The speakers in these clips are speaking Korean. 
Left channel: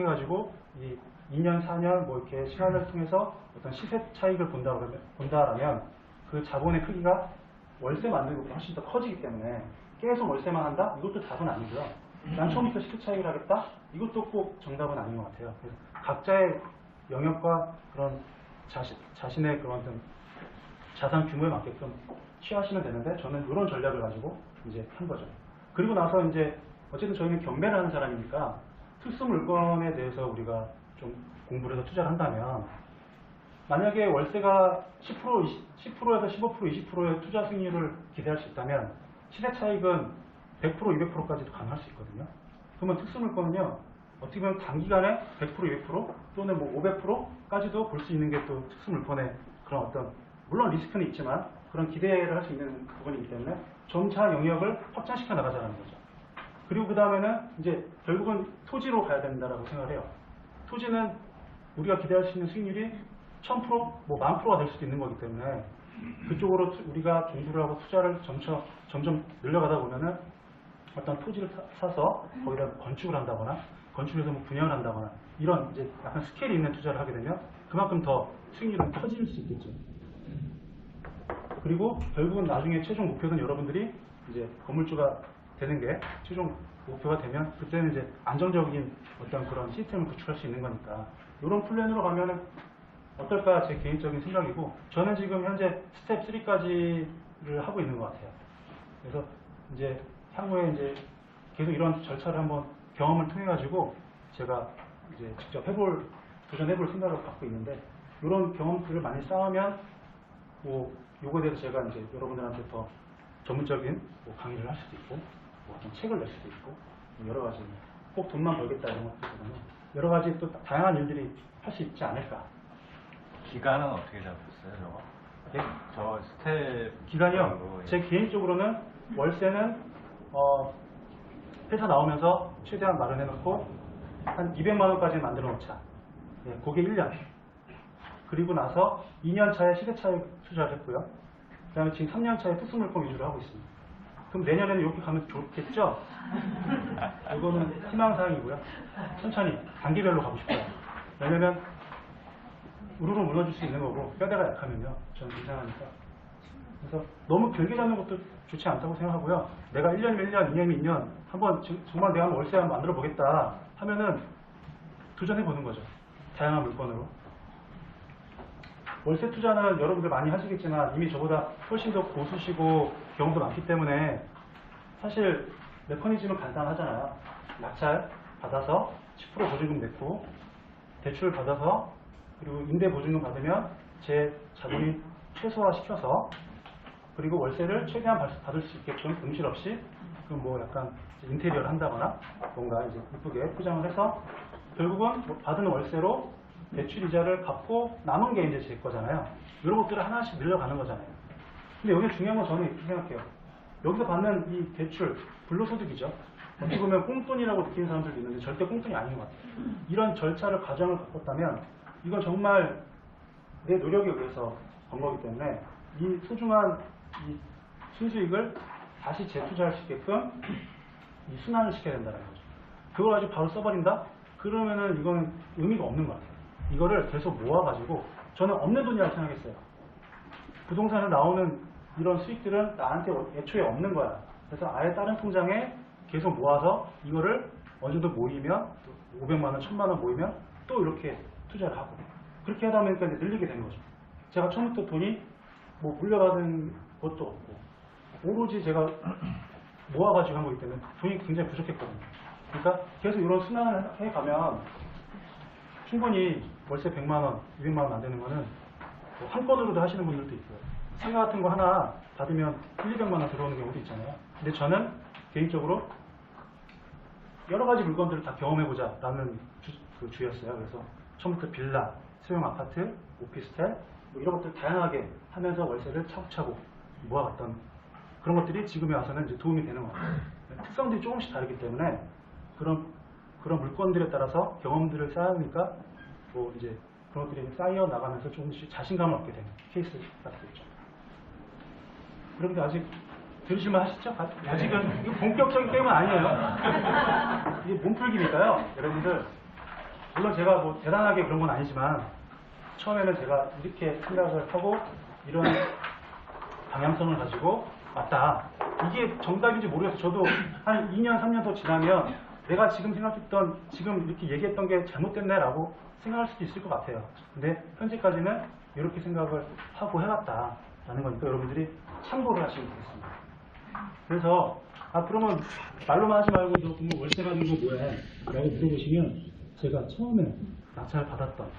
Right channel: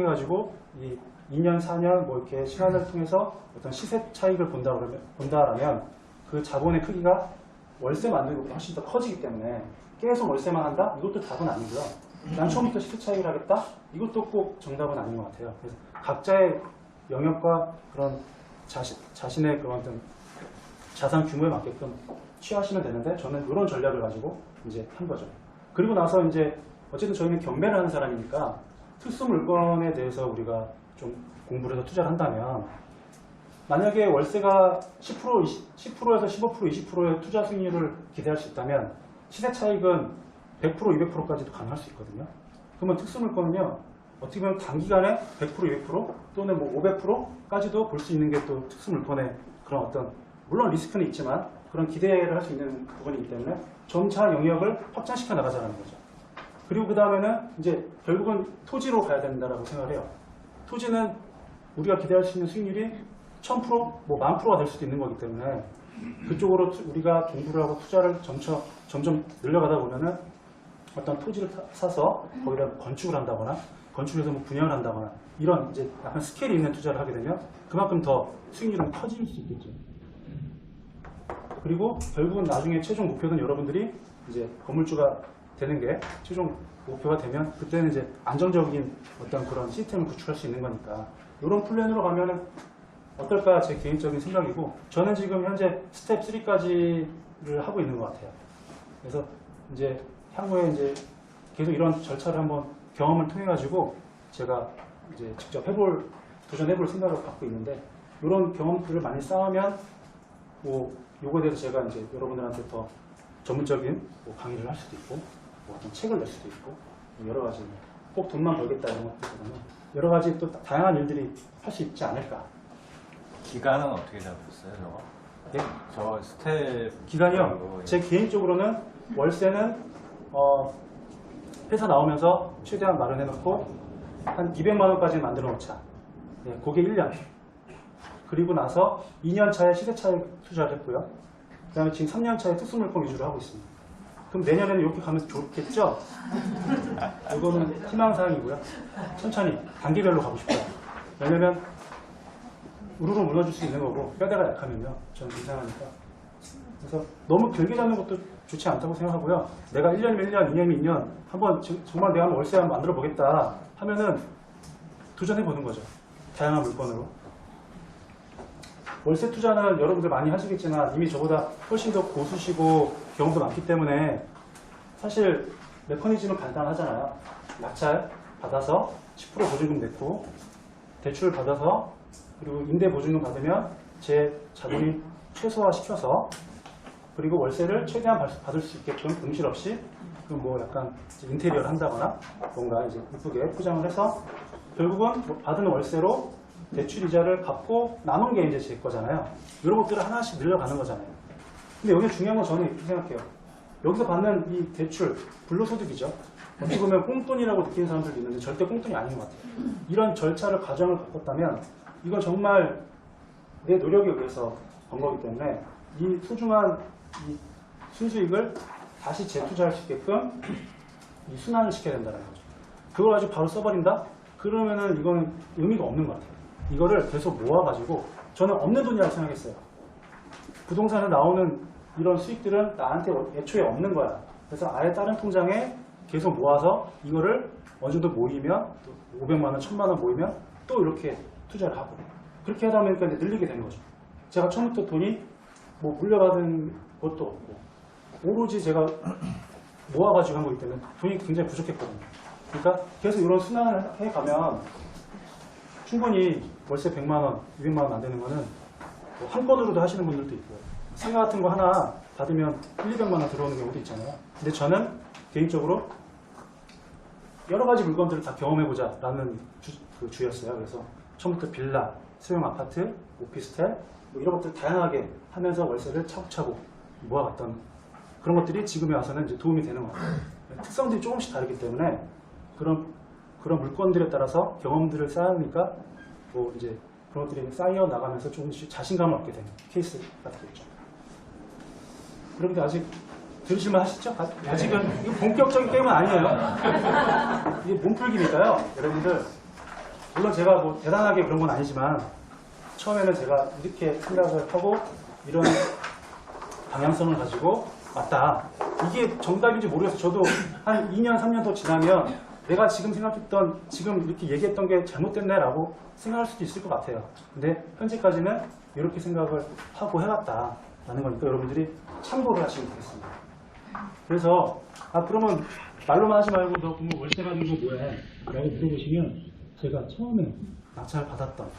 통해 가지고 이 2년, 4년 뭐 이렇게 시간을 통해서 어떤 시세 차익을 본다라면 그 자본의 크기가 월세 만들고 훨씬 더 커지기 때문에 계속 월세만 한다? 이것도 답은 아니고요. 난 처음부터 시세 차익을 하겠다? 이것도 꼭 정답은 아닌 것 같아요. 그래서 각자의 영역과 그런 자신의 그런 어떤 자산 규모에 맞게끔 취하시면 되는데 저는 이런 전략을 가지고 이제 한 거죠. 그리고 나서 이제 어쨌든 저희는 경매를 하는 사람이니까 특수 물건에 대해서 우리가 좀 공부를 해서 투자를 한다면 만약에 월세가 10%에서 15%, 20%의 투자 수익률을 기대할 수 있다면 시세 차익은 100%, 200%까지도 가능할 수 있거든요. 그러면 특수 물건은요, 어떻게 보면 단기간에 100%, 200% 또는 뭐 500%까지도 볼 수 있는 게 또 특수 물건의 그런 어떤, 물론 리스크는 있지만 그런 기대를 할 수 있는 부분이기 때문에 점차 영역을 확장시켜 나가자는 거죠. 그리고 그 다음에는 이제 결국은 토지로 가야 된다고 생각을 해요. 토지는 우리가 기대할 수 있는 수익률이 1000%, 뭐 10,000%가 될 수도 있는 거기 때문에 그쪽으로 우리가 공부를 하고 투자를 점점 늘려가다 보면은 어떤 토지를 사서 거기다 건축을 한다거나 건축해서 뭐 분양을 한다거나 이런 이제 약간 스케일이 있는 투자를 하게 되면 그만큼 더 수익률은 커질 수 있겠죠. 그리고 결국은 나중에 최종 목표는 여러분들이 이제 건물주가 되는 게 최종 목표가 되면 그때는 이제 안정적인 어떤 그런 시스템을 구축할 수 있는 거니까 이런 플랜으로 가면은 어떨까 제 개인적인 생각이고 저는 지금 현재 스텝 3까지를 하고 있는 것 같아요. 그래서 이제 향후에 이제 계속 이런 절차를 한번 경험을 통해 가지고 제가 이제 직접 도전해볼 생각을 갖고 있는데 이런 경험들을 많이 쌓으면 뭐 요거에 대해서 제가 이제 여러분들한테 더 전문적인 뭐 강의를 할 수도 있고 뭐 어떤 책을 낼 수도 있고 여러 가지 꼭 돈만 벌겠다 이런 것들보다는 여러 가지 또 다양한 일들이 할 수 있지 않을까. 기간은 어떻게 잡으셨어요, 저거? 네? 저 스텝 기간이요. 제 개인적으로는 월세는 회사 나오면서 최대한 마련해 놓고 한 200만 원까지 만들어 놓자. 네, 그게 1년. 그리고 나서 2년 차에 시세 차익 투자를 했고요. 그 다음에 지금 3년 차에 특수물건 위주로 하고 있습니다. 그럼 내년에는 이렇게 가면서 좋겠죠? 이거는 희망사항이고요. 천천히 단계별로 가고 싶어요. 왜냐면 우르르 무너질 수 있는 거고 뼈대가 약하면요. 저는 이상하니까. 그래서 너무 길게 잡는 것도 좋지 않다고 생각하고요. 내가 1년이면 1년, 2년이면 2년 한번 정말 내가 월세 한번 만들어 보겠다 하면은 도전해 보는 거죠. 다양한 물건으로. 월세 투자는 여러분들 많이 하시겠지만 이미 저보다 훨씬 더 고수시고 경험도 많기 때문에 사실 메커니즘은 간단하잖아요. 낙찰 받아서 10% 보증금 냈고 대출 받아서 그리고 임대 보증금 받으면 제 자본이 최소화시켜서 그리고 월세를 최대한 받을 수 있게끔 응실 없이 뭐 약간 인테리어를 한다거나 뭔가 이제 이쁘게 포장을 해서 결국은 받은 월세로 대출 이자를 갚고 남은 게 이제 제 거잖아요. 이런 것들을 하나씩 늘려가는 거잖아요. 근데 여기 중요한 건 저는 이렇게 생각해요. 여기서 받는 이 대출, 불로소득이죠. 어떻게 보면 꽁돈이라고 느끼는 사람들도 있는데 절대 꽁돈이 아닌 것 같아요. 이런 절차를 과정을 겪었다면 이건 정말 내 노력에 의해서 번 거기 때문에 이 소중한 이 순수익을 다시 재투자할 수 있게끔 이 순환을 시켜야 된다는 거죠. 그걸 가지고 바로 써버린다? 그러면은 이건 의미가 없는 것 같아요. 이거를 계속 모아가지고 저는 없는 돈이라고 생각했어요. 부동산에 나오는 이런 수익들은 나한테 애초에 없는 거야. 그래서 아예 다른 통장에 계속 모아서 이거를 어느 정도 모이면 500만 원, 1000만 원 모이면 또 이렇게 투자를 하고 그렇게 하다 보니까 이제 늘리게 되는 거죠. 제가 처음부터 돈이 뭐 물려받은 것도 없고 오로지 제가 모아가지고 한 거기 때문에 돈이 굉장히 부족했거든요. 그러니까 계속 이런 순환을 해가면 충분히 월세 100만 원, 200만 원 안 되는 거는 한 건으로도 하시는 분들도 있고 상가 같은 거 하나 받으면 1, 200만 원 들어오는 경우도 있잖아요. 근데 저는 개인적으로 여러 가지 물건들을 다 경험해보자 라는 주였어요. 그래서 처음부터 빌라, 소형 아파트, 오피스텔 뭐 이런 것들 다양하게 하면서 월세를 차곡차곡 모아갔던 그런 것들이 지금에 와서는 이제 도움이 되는 것 같아요. 특성들이 조금씩 다르기 때문에 그런 물건들에 따라서 경험들을 쌓으니까 뭐 이제 그런 것들이 쌓여 나가면서 조금씩 자신감을 얻게 되는 케이스가 되겠죠. 그런데 아직 들으실만 하시죠? 아직은 이거 본격적인 게임은 아니에요. 이게 몸풀기니까요. 여러분들 물론 제가 뭐 대단하게 그런 건 아니지만 처음에는 제가 이렇게 생각을 하고 이런 방향성을 가지고 맞다. 이게 정답인지 모르겠어요. 저도 한 2년, 3년 더 지나면 내가 지금 생각했던, 지금 이렇게 얘기했던 게 잘못됐네라고 생각할 수도 있을 것 같아요. 근데 현재까지는 이렇게 생각을 하고 해왔다라는 거니까 여러분들이 참고를 하시면 되겠습니다. 그래서 그러면 말로만 하지 말고 너 그러면 월세 받는 거 뭐야? 라고 물어보시면 제가 처음에 낙찰을 받았던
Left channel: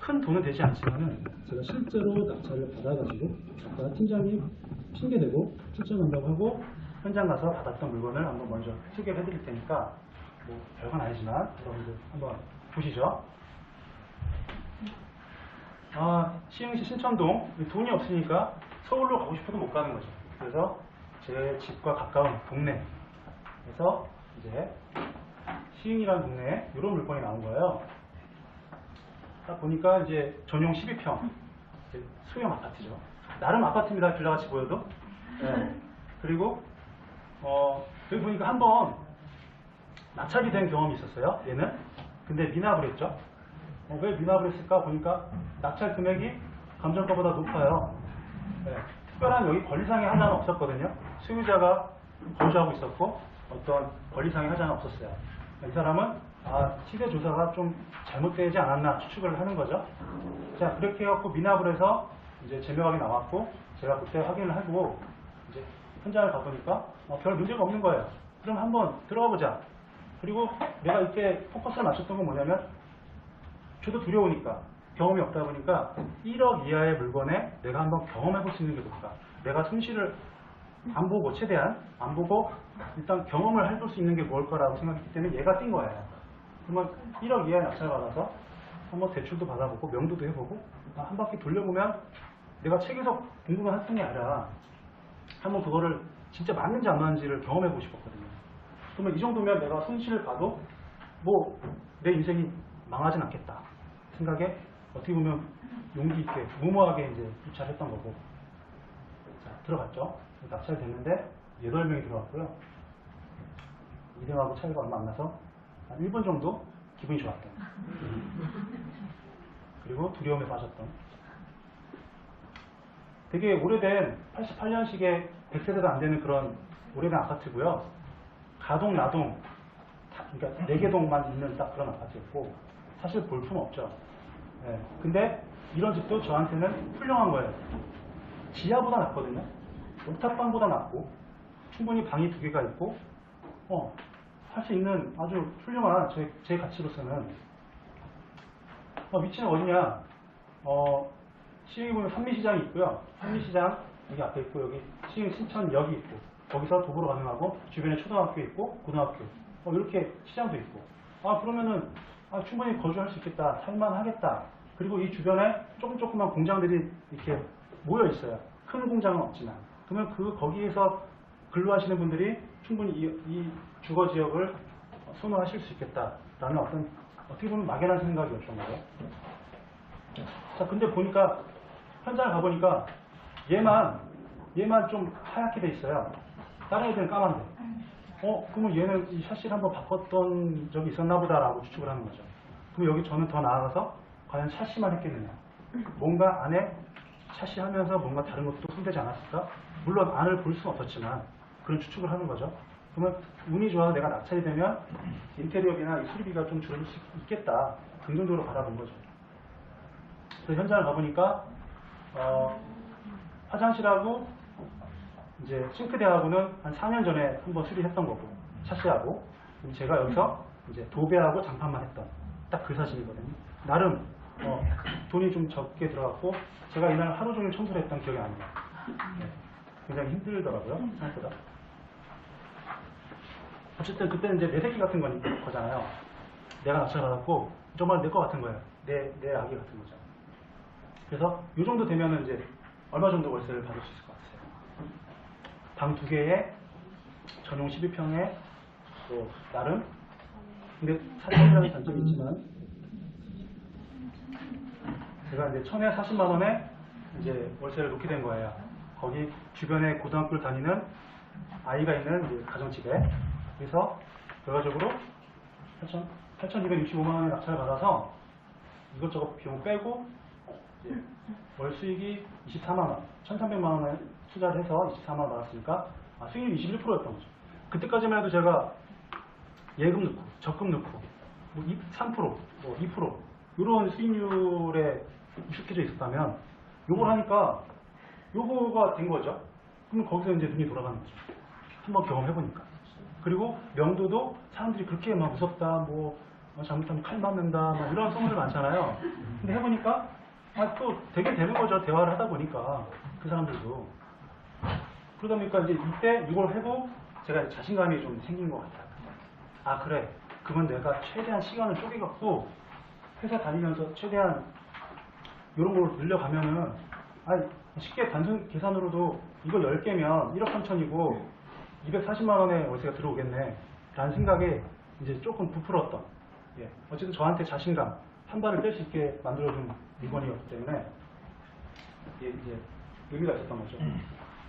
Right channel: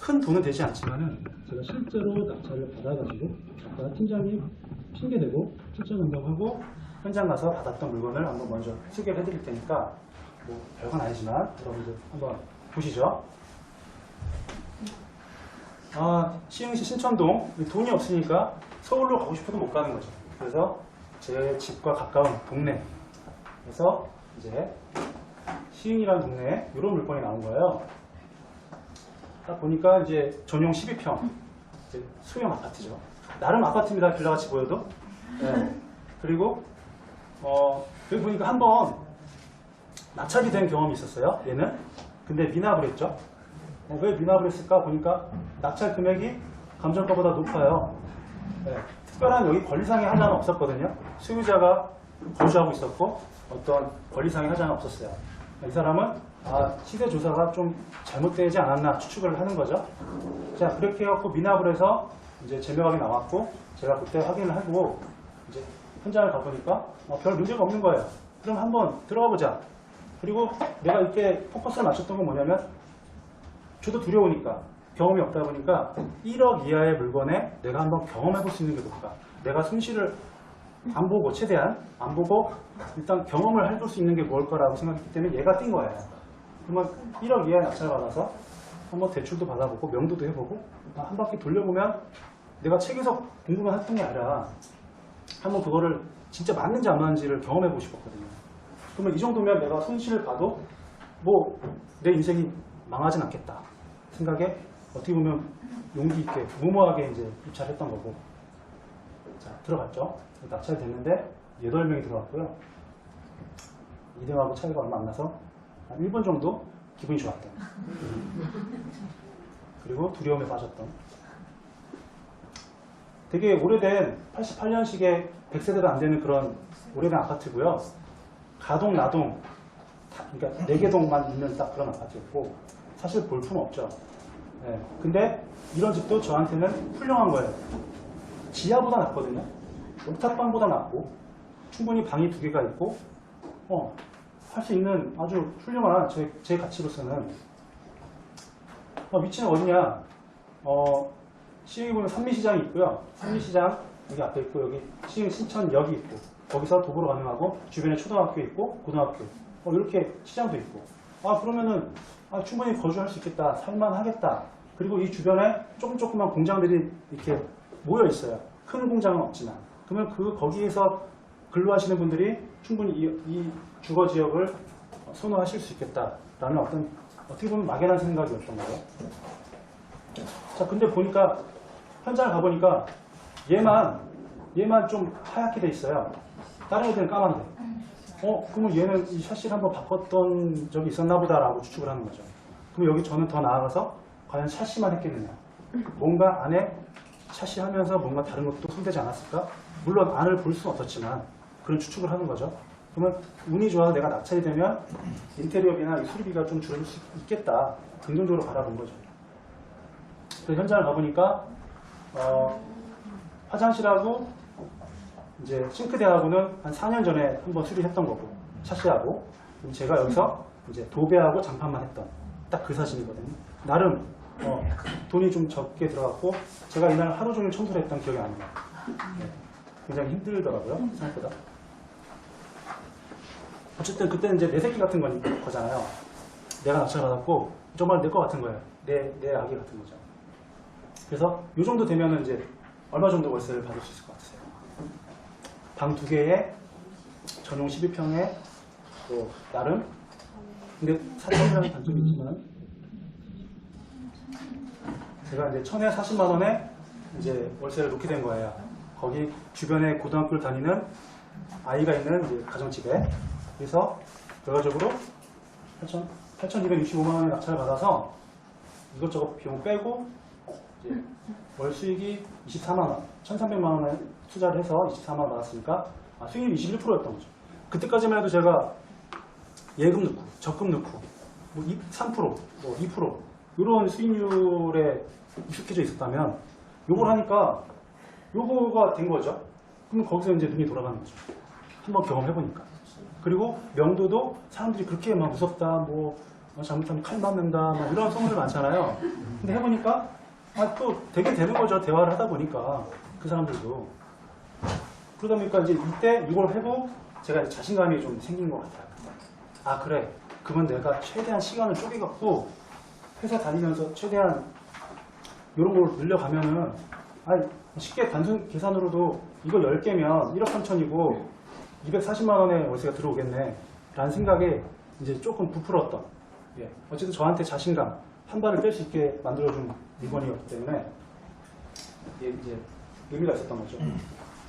큰 돈은 되지 않지만은 제가 실제로 낙찰을 받아가지고 아까 팀장님 핑계대고 출장 간다고 하고 현장 가서 받았던 물건을 한번 먼저 소개를 해드릴 테니까 뭐 별건 아니지만 여러분들 한번 보시죠. 시흥시 신천동 돈이 없으니까 서울로 가고 싶어도 못 가는 거죠. 그래서 제 집과 가까운 동네에서 이제 시흥이라는 동네에 이런 물건이 나온 거예요. 딱 보니까 이제 전용 12평 이제 소형 아파트죠. 나름 아파트입니다. 빌라같이 보여도. 네. 그리고 여기 보니까 한번 낙찰이 된 경험이 있었어요. 얘는. 근데 미납을 했죠. 왜 미납을 했을까 보니까 낙찰 금액이 감정가보다 높아요. 네. 특별한 여기 권리상의 하자는 없었거든요. 소유자가 거주하고 있었고 어떤 권리상의 하자는 없었어요. 이 사람은 시세 조사가 좀 잘못되지 않았나 추측을 하는 거죠. 자, 그렇게 해갖고 미납을 해서 이제 제명하게 나왔고 제가 그때 확인을 하고 이제 현장을 가보니까 별 문제가 없는 거예요. 그럼 한번 들어가 보자. 그리고 내가 이렇게 포커스를 맞췄던 건 뭐냐면 저도 두려우니까 경험이 없다 보니까 1억 이하의 물건에 내가 한번 경험해 볼 수 있는 게 뭘까? 내가 손실을 안 보고 최대한 안 보고 일단 경험을 해볼 수 있는 게 뭘까라고 생각했기 때문에 얘가 뛴 거예요. 그러면 1억 이하의 낙찰을 받아서 한번 대출도 받아보고 명도도 해보고 한 바퀴 돌려보면 내가 책에서 공부만 했던 게 아니라 한번 그거를 진짜 맞는지 안 맞는지를 경험해보고 싶었거든요. 그러면 이 정도면 내가 손실을 봐도 뭐 내 인생이 망하진 않겠다 생각에 어떻게 보면 용기 있게 무모하게 이제 입찰했던 거고. 자, 들어갔죠. 낙찰이 됐는데 8명이 들어갔고요. 2등하고 차이가 얼마 안 나서 한 1분 정도 기분이 좋았던. 그리고 두려움에 빠졌던. 되게 오래된 88년식의 100세대가 안 되는 그런 오래된 아파트고요. 가동, 나동, 그러니까 4개 동만 있는 딱 그런 아파트였고 사실 볼품 없죠. 네. 근데 이런 집도 저한테는 훌륭한 거예요. 지하보다 낫거든요. 옥탑방보다 낫고 충분히 방이 2개가 있고 할 수 있는 아주 훌륭한 제 가치로서는 위치는 어디냐? 시흥에 보면 산미시장이 있고요. 산미시장 여기 앞에 있고 여기 시흥 신천역이 있고 거기서 도보로 가능하고 주변에 초등학교 있고 고등학교 이렇게 시장도 있고 그러면은 충분히 거주할 수 있겠다, 살만하겠다. 그리고 이 주변에 조그만 공장들이 이렇게 모여 있어요. 큰 공장은 없지만 그러면 거기에서 근로하시는 분들이 충분히 이 주거 지역을 선호하실 수 있겠다라는 어떻게 보면 막연한 생각이었던 거예요. 자, 근데 보니까 현장을 가보니까 얘만 좀 하얗게 돼 있어요. 다른 애들은 까만데. 그러면 얘는 이 샤시를 한번 바꿨던 적이 있었나 보다라고 추측을 하는 거죠. 그럼 여기 저는 더 나아가서 과연 샤시만 했겠느냐. 뭔가 안에 샤시 하면서 뭔가 다른 것도 손대지 않았을까? 물론 안을 볼 수는 없었지만 그런 추측을 하는 거죠. 그러면 운이 좋아서 내가 낙찰이 되면 인테리어비나 이 수리비가 좀 줄어들 수 있겠다. 긍정적으로 바라본 거죠. 그래서 현장을 가보니까 화장실하고 이제 싱크대하고는 한 4년 전에 한번 수리했던 거고 샤시하고 제가 여기서 이제 도배하고 장판만 했던 딱 그 사진이거든요. 나름 돈이 좀 적게 들어갔고 제가 이날 하루 종일 청소를 했던 기억이 납니다. 네. 굉장히 힘들더라고요. 생각보다. 어쨌든 그때는 이제 내 새끼 같은 거잖아요. 내가 낙찰 받았고 정말 내 거 같은 거예요. 내 아기 같은 거죠. 그래서 이 정도 되면은 이제 얼마 정도 월세를 받을 수 있을 것 같으세요? 방 2개에 전용 12평에 또 나름 근데 사실은 단점이 있지만 제가 이제 1,040만 원에 이제 월세를 놓게 된 거예요. 거기 주변에 고등학교를 다니는 아이가 있는 이제 가정집에. 그래서 결과적으로 8,265만 원의 낙찰을 받아서 이것저것 비용 빼고 이제 월 수익이 24만 원, 1,300만 원에 투자를 해서 24만 원 받았으니까 수익률이 21%였던 거죠. 그때까지만 해도 제가 예금 넣고 적금 넣고 뭐 3%, 뭐 2% 이런 수익률에 익숙해져 있었다면 요걸 하니까 요거가 된 거죠. 그럼 거기서 이제 눈이 돌아가는 거죠. 한번 경험해보니까. 그리고 명도도 사람들이 그렇게 막 무섭다, 뭐 잘못하면 칼 맞는다, 막 이런 소문들 많잖아요. 근데 해보니까 또 되게 되는 거죠. 대화를 하다 보니까 그 사람들도. 그러다 보니까 이제 이때 이걸 해보고 제가 이제 자신감이 좀 생긴 것 같아요. 아 그래, 그러면 내가 최대한 시간을 쪼개갖고 회사 다니면서 최대한 이런 걸 늘려가면은 쉽게 단순 계산으로도 이거 10개면 1억 3천이고 240만 원의 월세가 들어오겠네 라는 생각에 이제 조금 부풀었던, 예, 어쨌든 저한테 자신감 한 발을 뗄 수 있게 만들어준 물건이었기 때문에 이제 의미가 있었던 거죠.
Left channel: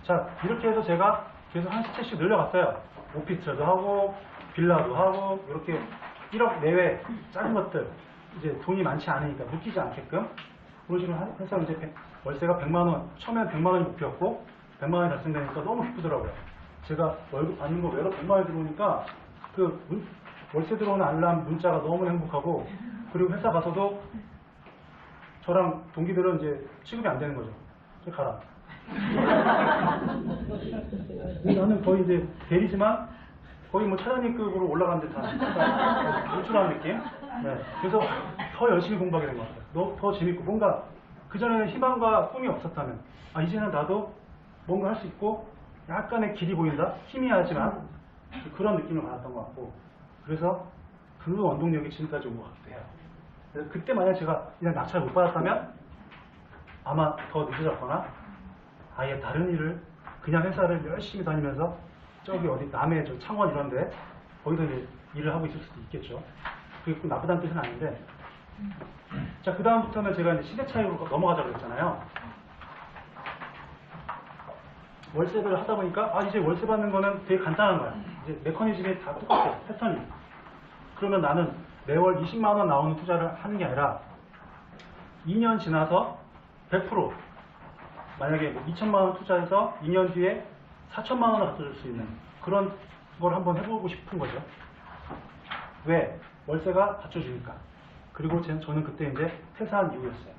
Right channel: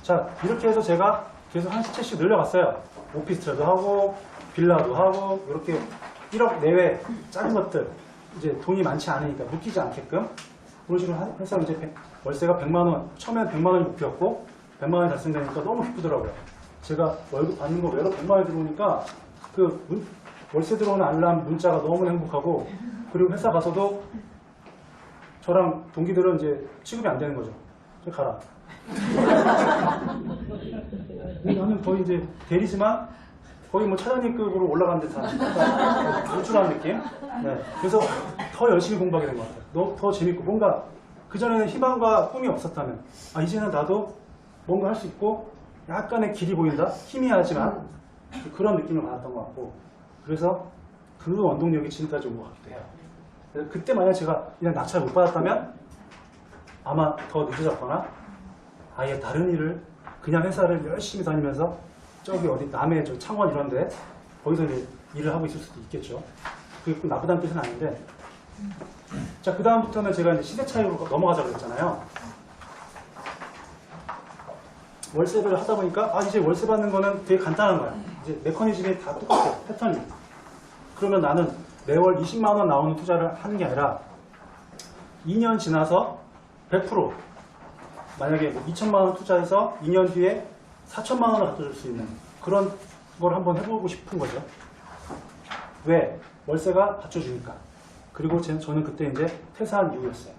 자, 이렇게 해서 제가 계속 한 채씩 늘려갔어요. 오피스텔도 하고 빌라도 하고 이렇게 1억 내외 작은 것들, 이제 돈이 많지 않으니까 묶이지 않게끔 그런 식으로 해서 이제 월세가 100만 원, 처음에는 100만 원이 목표였고 100만 원이 달성되니까 너무 기쁘더라고요. 제가 월급 받는 거 외로 100만 원이 들어오니까 월세 들어오는 알람 문자가 너무 행복하고, 그리고 회사 가서도 저랑 동기들은 이제 취급이 안 되는 거죠. 이제 가라. 나는 거의 이제 대리지만 거의 뭐 차장님급으로 올라간 듯한 노출한 느낌. 네. 그래서 더 열심히 공부하게 된 것 같아요. 더 재밌고, 뭔가 그전에는 희망과 꿈이 없었다면 이제는 나도 뭔가 할 수 있고 약간의 길이 보인다? 희미하지만 그런 느낌을 받았던 것 같고, 그래서 그 원동력이 지금까지 온 것 같기도 해요. 그래서 그때 만약 제가 그냥 낙찰을 못 받았다면 아마 더 늦어졌거나 아예 다른 일을, 그냥 회사를 열심히 다니면서 저기 어디 남해 저 창원 이런데 거기서 이제 일을 하고 있을 수도 있겠죠. 그게 꼭 나쁘다는 뜻은 아닌데. 자, 그 다음부터는 제가 이제 시대 차이로 넘어가자고 했잖아요. 월세를 하다 보니까 이제 월세 받는 거는 되게 간단한 거야. 이제 메커니즘이 다 똑같아, 패턴이. 그러면 나는 매월 20만 원 나오는 투자를 하는 게 아니라 2년 지나서 100% 만약에 뭐 2천만 원 투자해서 2년 뒤에 4천만 원을 갖다 줄 수 있는 그런 걸 한번 해보고 싶은 거죠. 왜? 월세가 받쳐주니까. 그리고 저는 그때 이제 퇴사한 이유였어요.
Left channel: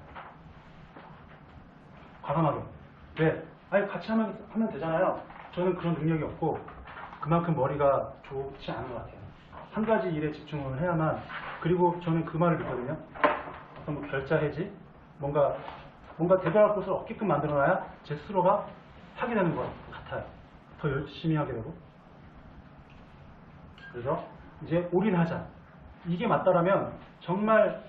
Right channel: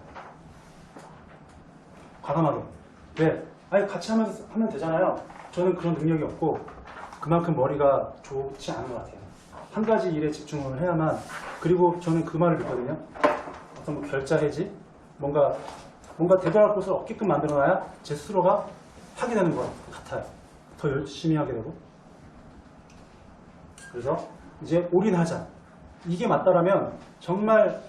과감하게. 왜? 같이 하면 되잖아요. 저는 그런 능력이 없고 그만큼 머리가 좋지 않은 것 같아요. 한 가지 일에 집중을 해야만. 그리고 저는 그 말을 듣거든요. 어떤 뭐 결자 해지, 뭔가 대결할 곳을 없게끔 만들어놔야 제 스스로가 하게 되는 것 같아요. 더 열심히 하게 되고. 그래서 이제 올인하자. 이게 맞다라면 정말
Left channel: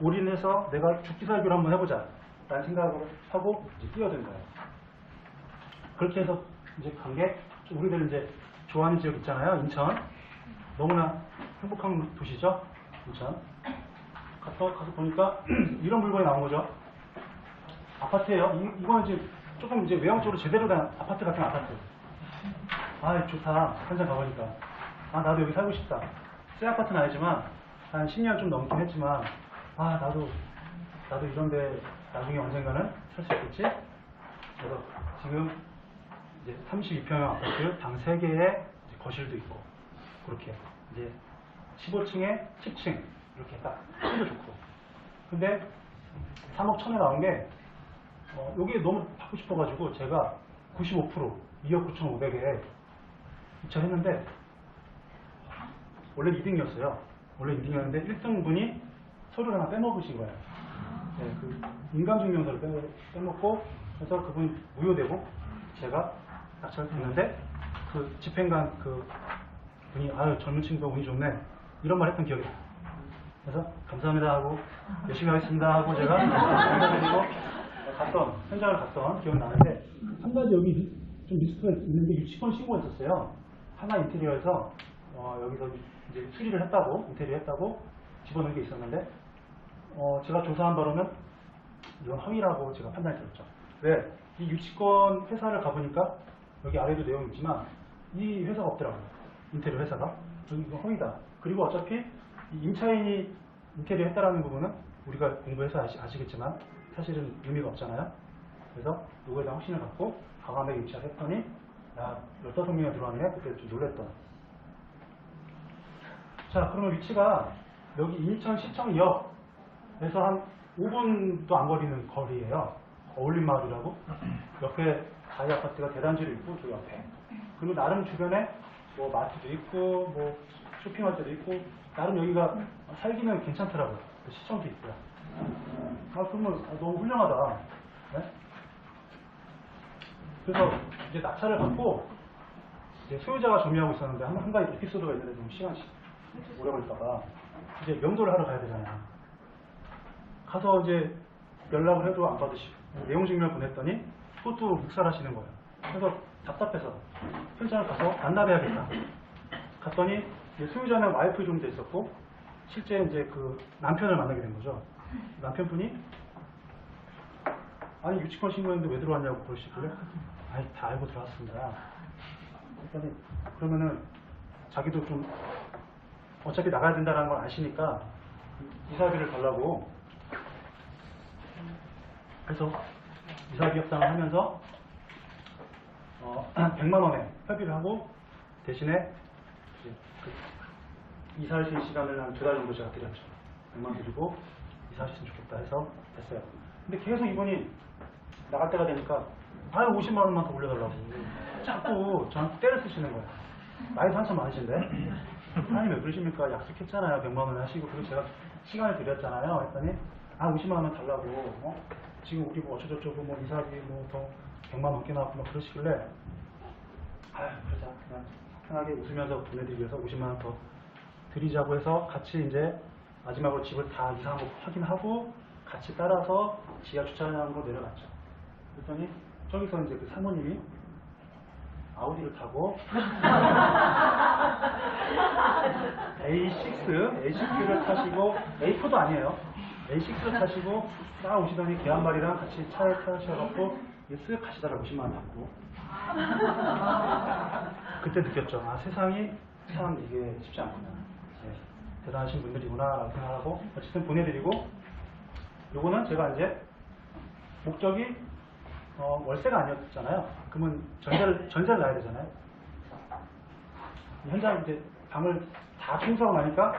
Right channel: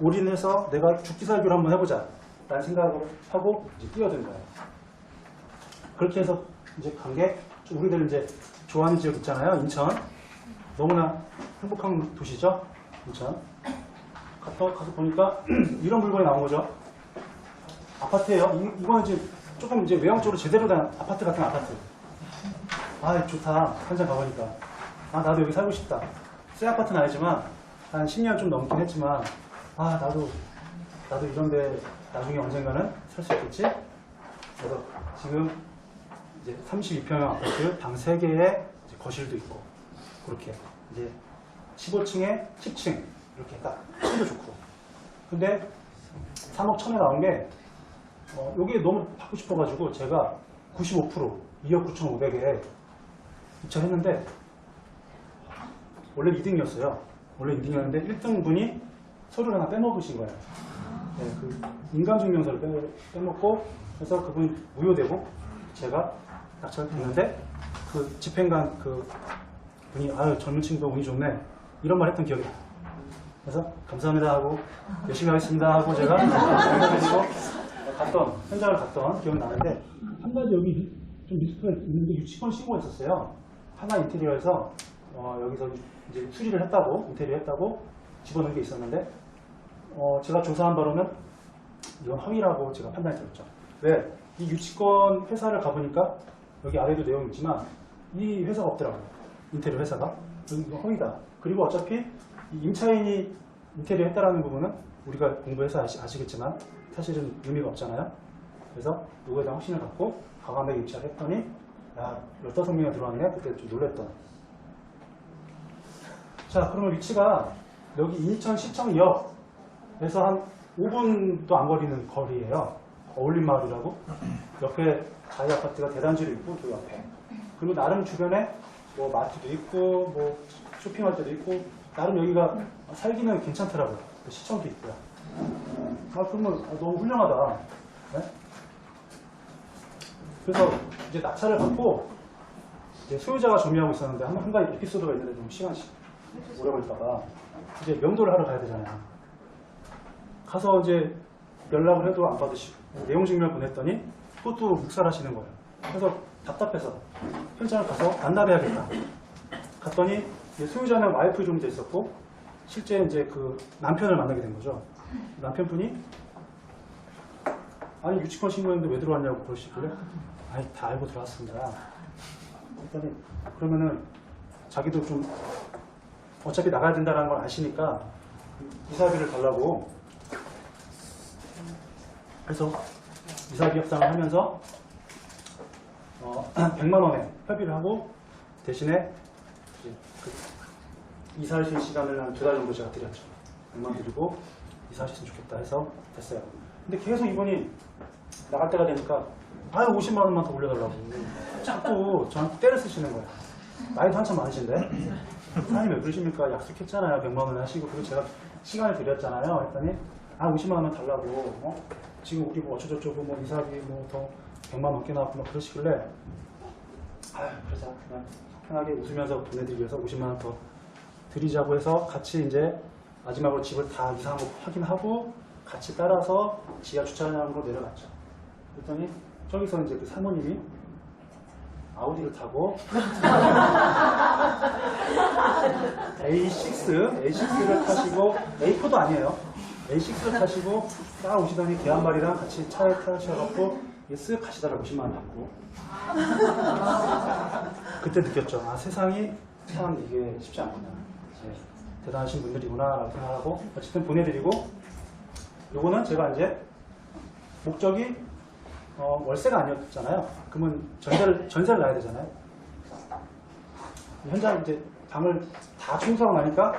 올인해서 내가 죽기 살기로 한번 해보자 라는 생각을 하고 이제 뛰어든 거예요. 그렇게 해서 이제 간 게, 우리들 이제 좋아하는 지역 있잖아요. 인천. 너무나 행복한 도시죠. 인천. 가서 보니까 이런 물건이 나온 거죠. 아파트예요. 이거는 이제 조금 이제 외형적으로 제대로 된 아파트 같은 아파트. 좋다. 현장 가보니까. 나도 여기 살고 싶다. 새 아파트는 아니지만 한 10년 좀 넘긴 했지만 나도 이런데 나중에 언젠가는 살 수 있겠지. 그래서 지금 이제 32평형 아파트 방 3개에 거실도 있고, 그렇게 이제 15층에 10층 이렇게 딱 층도 좋고. 근데 3억 1천에 나온 게 여기에 너무 받고 싶어가지고 제가 95% 2억 9,500에 입찰했는데, 원래 2등이었어요. 원래 2등이었는데 1등 분이 서류를 하나 빼먹으신 거예요. 네, 그 인감증명서를 빼먹고, 그래서 그분이 무효되고 제가 낙찰을 했는데, 그 집행관 그 분이 젊은 친구 운이 좋네 이런 말 했던 기억이 나요. 그래서 감사합니다 하고 열심히 하겠습니다 하고 제가 현장을 갔던 기억이 나는데, 한 가지 여기 좀 리스크가 있는데 유치권 신고가 있었어요. 하나 인테리어에서 여기서 이제 수리를 했다고, 인테리어 했다고 집어넣은 게 있었는데, 제가 조사한 바로는 이건 허위라고 제가 판단이 들었죠. 왜? 이 유치권 회사를 가보니까 여기 아래도 내용이 있지만 이 회사가 없더라고요. 인테리어 회사가. 이거 허위다. 그리고 어차피 이 임차인이 인테리어 했다라는 부분은 우리가 공부해서 아시겠지만 사실은 의미가 없잖아요. 그래서 이거에 대한 확신을 갖고 과감하게 입찰을 했더니 야 15명이 들어왔네. 그때 좀 놀랬던. 자, 그러면 위치가 여기 인천 시청역에서 한 5분도 안 걸리는 거리예요. 어울림마을이라고. 옆에 자이 아파트가 대단지로 있고 그 옆에. 그리고 나름 주변에 뭐 마트도 있고 뭐 쇼핑할 때도 있고 나름 여기가 살기는 괜찮더라고요. 시청도 있고요. 아, 그러면 너무 훌륭하다. 네? 그래서 이제 낙찰을 받고 이제 소유자가 정리하고 있었는데 한 가지 에피소드가 있는데 좀 시간이 오래 걸릴까봐 이제 명도를 하러 가야 되잖아요. 가서 이제 연락을 해도 안 받으시고 내용 증명을 보냈더니 또 묵살하시는 거예요. 그래서 답답해서 현장을 가서 만나봐야겠다. 갔더니 이제 소유자는 와이프 좀 돼 있었고 실제 이제 그 남편을 만나게 된 거죠. 남편분이 아니 유치권 신고했는데 왜 들어왔냐고 그러시길래 아니 다 알고 들어왔습니다. 그랬더니 그러면은 자기도 좀 어차피 나가야 된다는 걸 아시니까 이사비를 달라고 그래서 이사비 협상을 하면서 100만 원에 협의를 하고 대신에 이제 그 이사하실 시간을 한 2달 정도 제가 드렸죠. 100만 원 드리고 이사하셨으면 좋겠다 해서 됐어요. 근데 계속 이분이 나갈 때가 되니까 아유 50만 원만 더 올려달라고 자꾸 저한테 때를 쓰시는 거예요. 나이도 한참 많으신데 사장님 왜 그러십니까? 약속했잖아요. 100만 원 하시고 그리고 제가 시간을 드렸잖아요. 했더니 아 50만 원만 달라고 지금 우리 뭐 어쩌고저쩌고 뭐 이사비 뭐 더 100만 원 넘게 나왔고 막 그러시길래 아유 그러자 그냥 편하게 웃으면서 보내드리기 위해서 50만 원 더 드리자고 해서 같이 이제 마지막으로 집을 다 이사한 거 확인하고 같이 따라서 지하 주차장으로 내려갔죠. 그랬더니 저기서 이제 그 사모님이 아우디를 타고 A6를 타시고 A4도 아니에요. A6를 타시고 딱 오시더니 개 한 마리랑 같이 차에 타셔갖고 쓱 가시다가 50만 원 받고 그때 느꼈죠. 아 세상이 참 이게 쉽지 않구나. 대단하신 분들이구나 라고 생각하고 어쨌든 보내드리고 요거는 제가 이제 목적이 월세가 아니었잖아요. 그러면 전세를 놔야 되잖아요. 현장 이제 방을 다 청소하고 나니까